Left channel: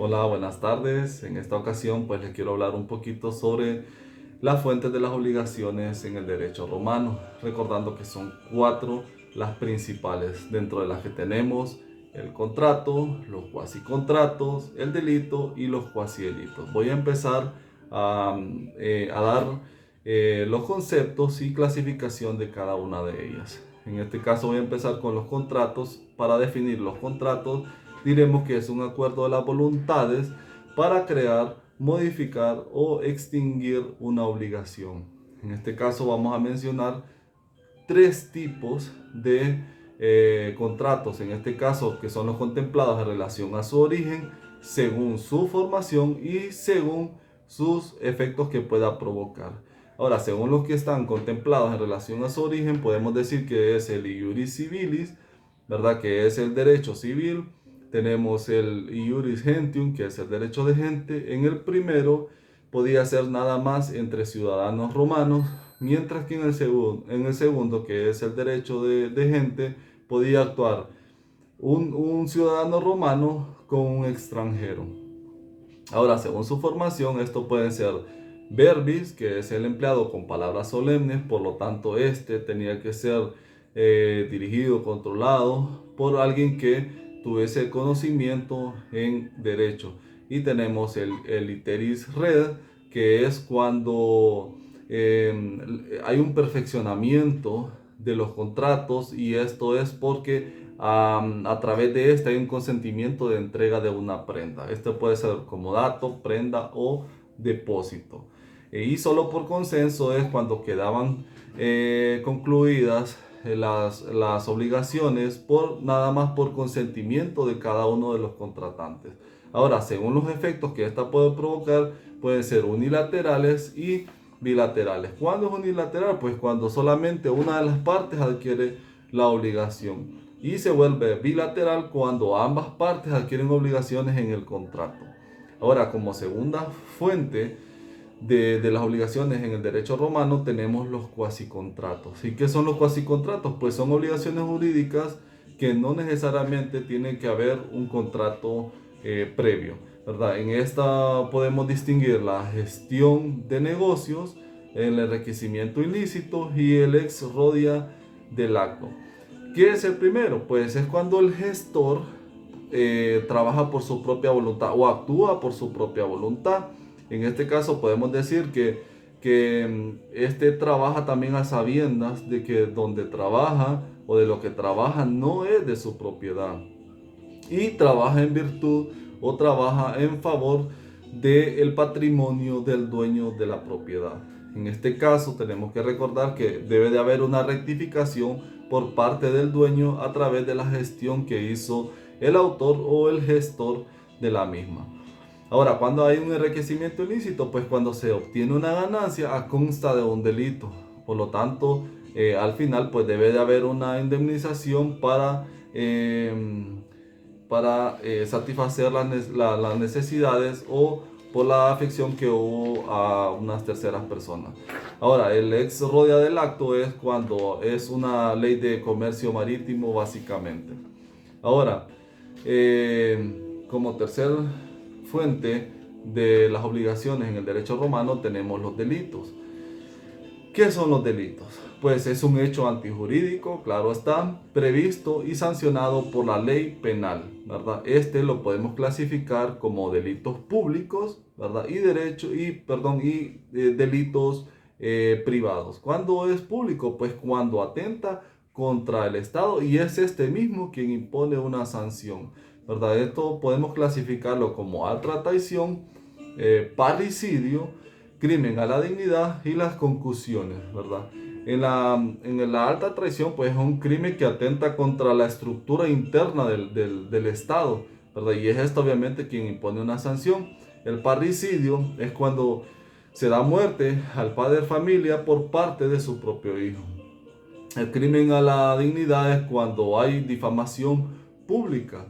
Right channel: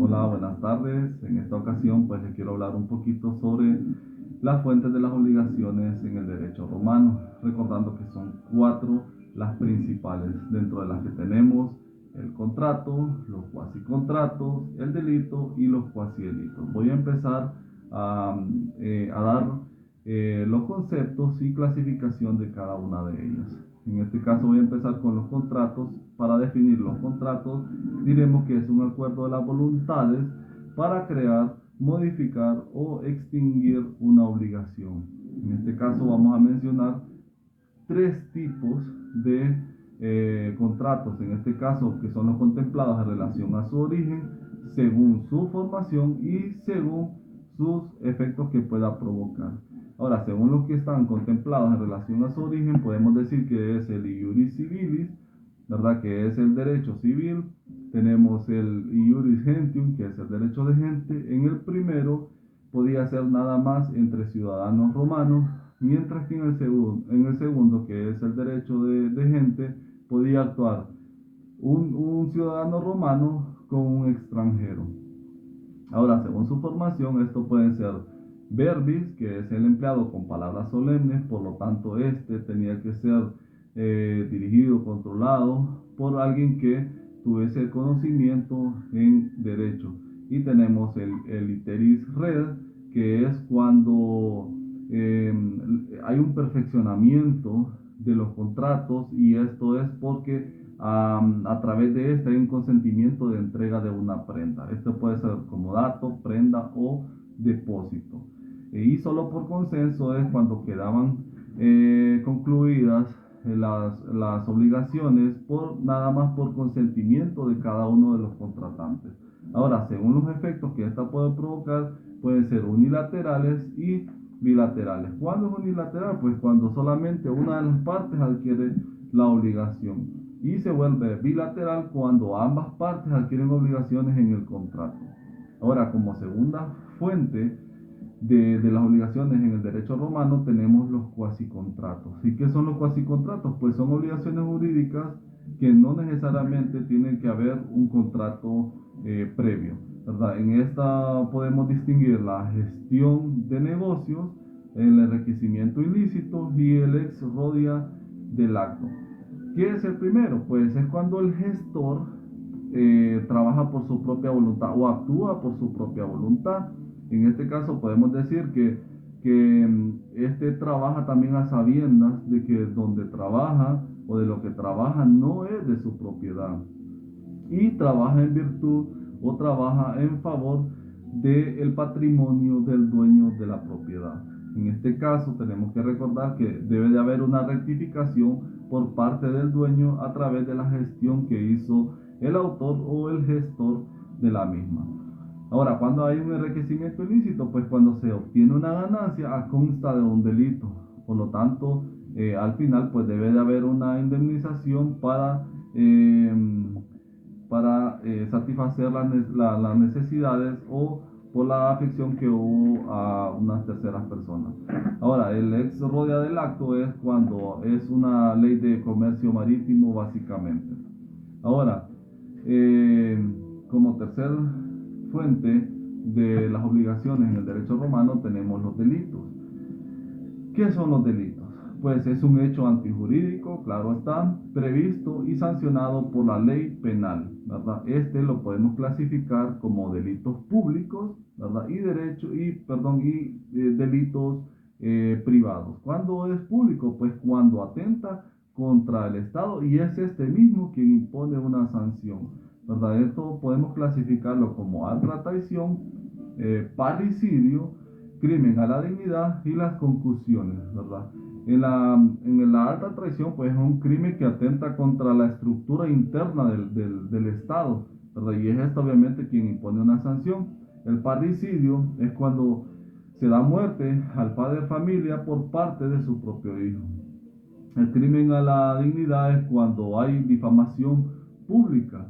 Hola, buenas tardes. En esta ocasión pues les quiero hablar un poquito sobre las fuentes de las obligaciones en el derecho romano, recordando que son cuatro las principales, dentro de las que tenemos el contrato, los cuasicontratos, el delito y los cuasidelitos. Voy a empezar a dar los conceptos y clasificación de cada una de ellas. En este caso voy a empezar con los contratos. Para definir los contratos, diremos que es un acuerdo de las voluntades para crear, modificar o extinguir una obligación. En este caso vamos a mencionar tres tipos de contratos, en este caso que son los contemplados en relación a su origen, según su formación y según sus efectos que pueda provocar. Ahora, según los que están contemplados en relación a su origen, podemos decir que es el iuris civilis, ¿verdad? Que es el derecho civil. Tenemos el iuris gentium, que es el derecho de gente. En el primero podía ser nada más entre ciudadanos romanos, mientras que en el segundo, que es el derecho de gente, podía actuar un ciudadano romano con un extranjero. Ahora, según su formación, esto puede ser verbis, que es el empleado con palabras solemnes, por lo tanto, este tenía que ser dirigido, controlado por alguien que tuviese conocimiento en derecho. Y tenemos el iteris red, que es cuando hay un perfeccionamiento de los contratos, y esto es porque a través de este hay un consentimiento de entrega de una prenda. Esto puede ser como dato, prenda o depósito. Y solo por consenso es cuando quedaban concluidas las obligaciones por nada más por consentimiento de cada uno de los contratantes. Ahora, según los efectos que esta puede provocar, pueden ser unilaterales y bilaterales. ¿Cuándo es unilateral? Pues cuando solamente una de las partes adquiere la obligación, y se vuelve bilateral cuando ambas partes adquieren obligaciones en el contrato. Ahora, como segunda fuente de las obligaciones en el derecho romano, tenemos los cuasicontratos. ¿Y qué son los cuasicontratos? Pues son obligaciones jurídicas que no necesariamente tienen que haber un contrato previo, ¿verdad? En esta podemos distinguir la gestión de negocios, el enriquecimiento ilícito y el ex rodia del acto. ¿Qué es el primero? Pues es cuando el gestor trabaja por su propia voluntad o actúa por su propia voluntad. En este caso podemos decir que este trabaja también a sabiendas de que donde trabaja o de lo que trabaja no es de su propiedad, y trabaja en virtud o trabaja en favor del patrimonio del dueño de la propiedad. En este caso tenemos que recordar que debe de haber una rectificación por parte del dueño a través de la gestión que hizo el autor o el gestor de la misma. Ahora, cuando hay un enriquecimiento ilícito, pues cuando se obtiene una ganancia a consta de un delito. Por lo tanto, al final, pues debe de haber una indemnización para satisfacer las necesidades o por la afección que hubo a unas terceras personas. Ahora, el ex rodia del acto es cuando es una ley de comercio marítimo, básicamente. Ahora, como tercer fuente de las obligaciones en el derecho romano, tenemos los delitos. ¿Qué son los delitos? Pues es un hecho antijurídico, claro está, previsto y sancionado por la ley penal, ¿verdad? Este lo podemos clasificar como delitos públicos, ¿verdad? Y delitos privados. ¿Cuándo es público? Pues cuando atenta contra el Estado y es este mismo quien impone una sanción, ¿verdad? Esto podemos clasificarlo como alta traición, parricidio, crimen a la dignidad y las concusiones, ¿verdad? En la alta traición, pues es un crimen que atenta contra la estructura interna del Estado, ¿verdad? Y es esto obviamente quien impone una sanción. El parricidio es cuando se da muerte al padre de familia por parte de su propio hijo. El crimen a la dignidad es cuando hay difamación pública.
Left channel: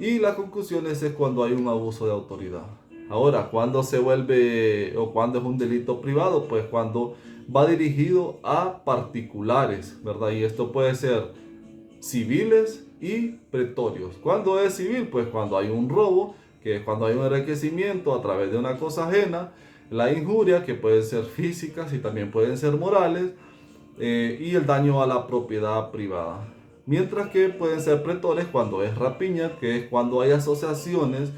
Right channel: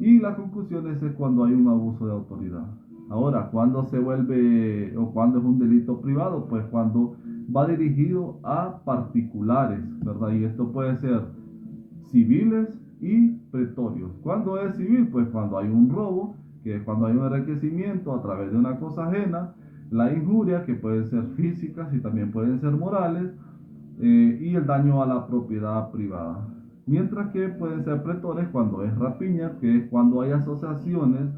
Y las concusiones es cuando hay un abuso de autoridad. Ahora, ¿cuándo se vuelve o cuándo es un delito privado? Pues cuando va dirigido a particulares, ¿verdad? Y esto puede ser civiles y pretorios. ¿Cuándo es civil? Pues cuando hay un robo que es cuando hay un enriquecimiento a través de una cosa ajena, la injuria, que pueden ser físicas y también pueden ser morales, y el daño a la propiedad privada. Mientras que pueden ser pretores cuando es rapiña, que es cuando hay asociaciones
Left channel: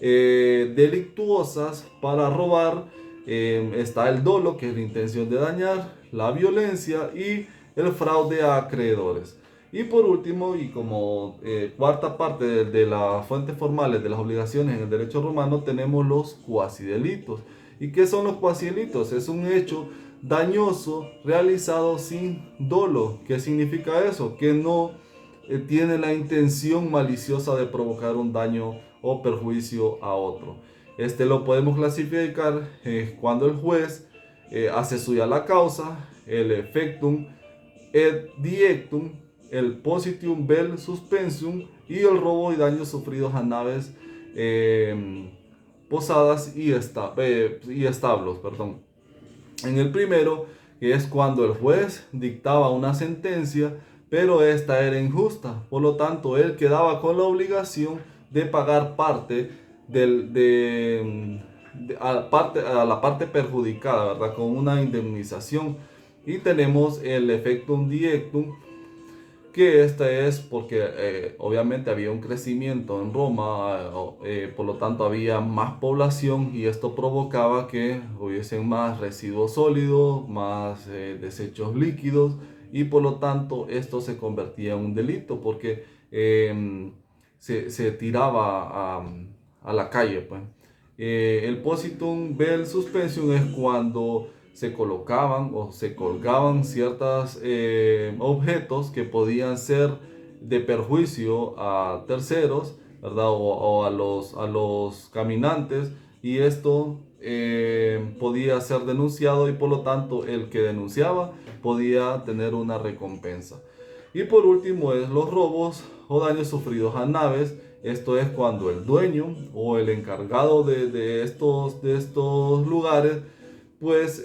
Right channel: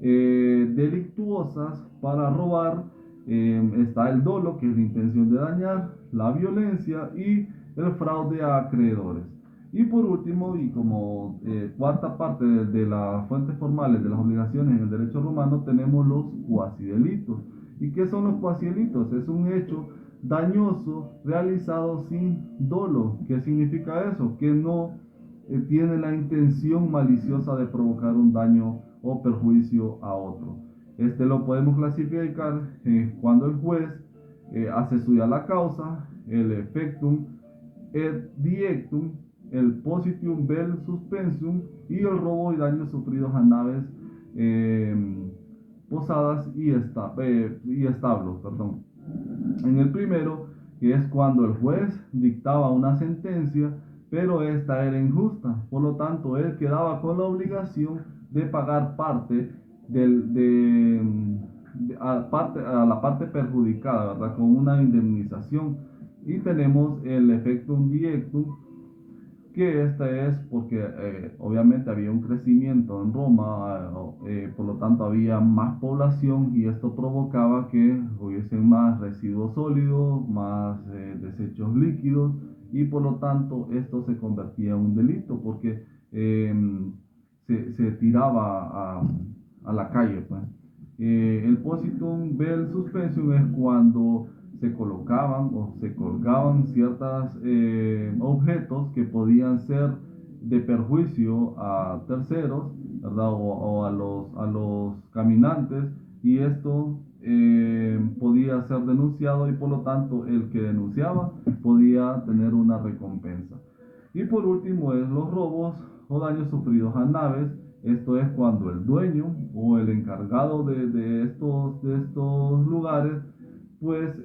delictuosas para robar. Está el dolo, que es la intención de dañar, la violencia y el fraude a acreedores. Y por último, y como cuarta parte de las fuentes formales de las obligaciones en el derecho romano, tenemos los cuasidelitos. ¿Y qué son los cuasidelitos? Es un hecho dañoso realizado sin dolo. ¿Qué significa eso? Que no tiene la intención maliciosa de provocar un daño o perjuicio a otro. Este lo podemos clasificar cuando el juez hace suya la causa, el effectum et diectum, el positium vel suspensium y el robo y daños sufridos a naves, posadas y establos. Perdón. En el primero, que es cuando el juez dictaba una sentencia, pero esta era injusta, por lo tanto él quedaba con la obligación de pagar parte a la parte perjudicada, ¿verdad? Con una indemnización. Y tenemos el effectum diectum, que esta es porque obviamente había un crecimiento en Roma, por lo tanto había más población y esto provocaba que hubiesen más residuos sólidos, más desechos líquidos, y por lo tanto esto se convertía en un delito porque se tiraba a la calle, pues. El positum vel suspensium es cuando se colocaban o se colgaban ciertos objetos que podían ser de perjuicio a terceros, ¿verdad? O a los caminantes, y esto podía ser denunciado, y por lo tanto el que denunciaba podía tener una recompensa. Y por último es los robos o daños sufridos a naves. Esto es cuando el dueño o el encargado de estos lugares pues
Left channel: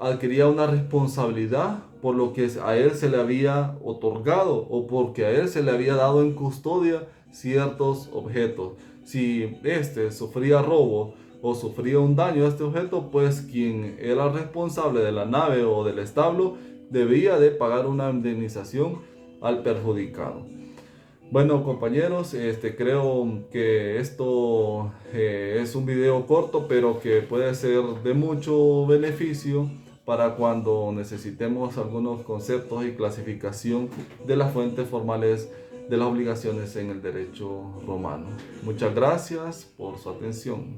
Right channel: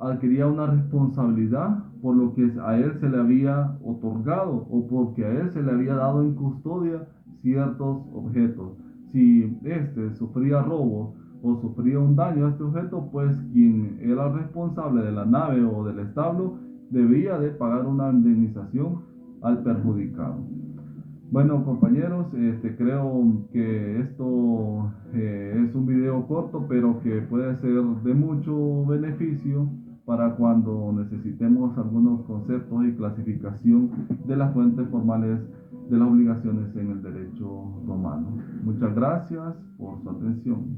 adquiría una responsabilidad por lo que a él se le había otorgado o porque a él se le había dado en custodia ciertos objetos. Si este sufría robo o sufría un daño a este objeto, pues quien era responsable de la nave o del establo debía de pagar una indemnización al perjudicado. Bueno, compañeros, creo que esto es un video corto, pero que puede ser de mucho beneficio para cuando necesitemos algunos conceptos y clasificación de las fuentes formales de las obligaciones en el derecho romano. Muchas gracias por su atención.